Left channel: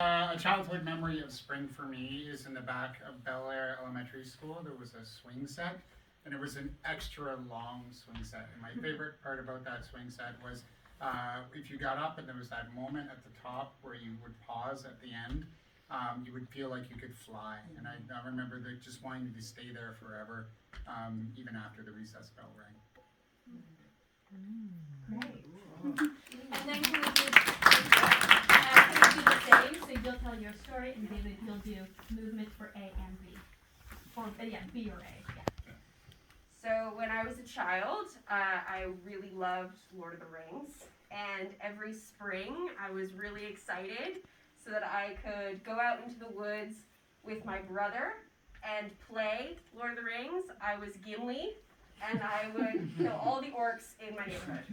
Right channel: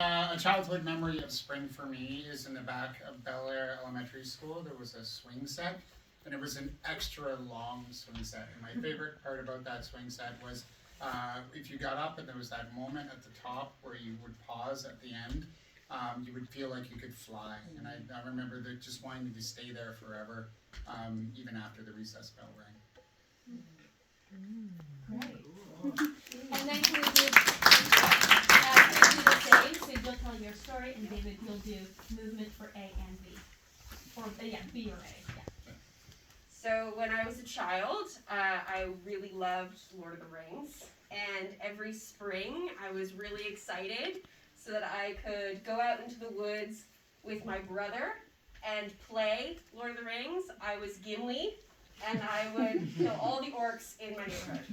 A childhood memory of spring for me is in the back of Bel Air Elementary School. There was a swing set, and it was an extra long swing set. And my favorite part about that swing set was if you got up and there was that moment at the top where you would pause at the end, you would feel like you could fly. And I remember just wanting to stay there forever, even after the recess bell rang. Great. And then you would do the same, so you'll tell your story, and David, you'll do movement for A and B. Or, yeah, B or A, yeah. So when I was a child, I really loved Lord of the Rings. And every spring, I was really excited so that I could go out into the woods with my brother and play Lord of the Rings. I was Gimli, and I would kill all the orcs in my neighborhood.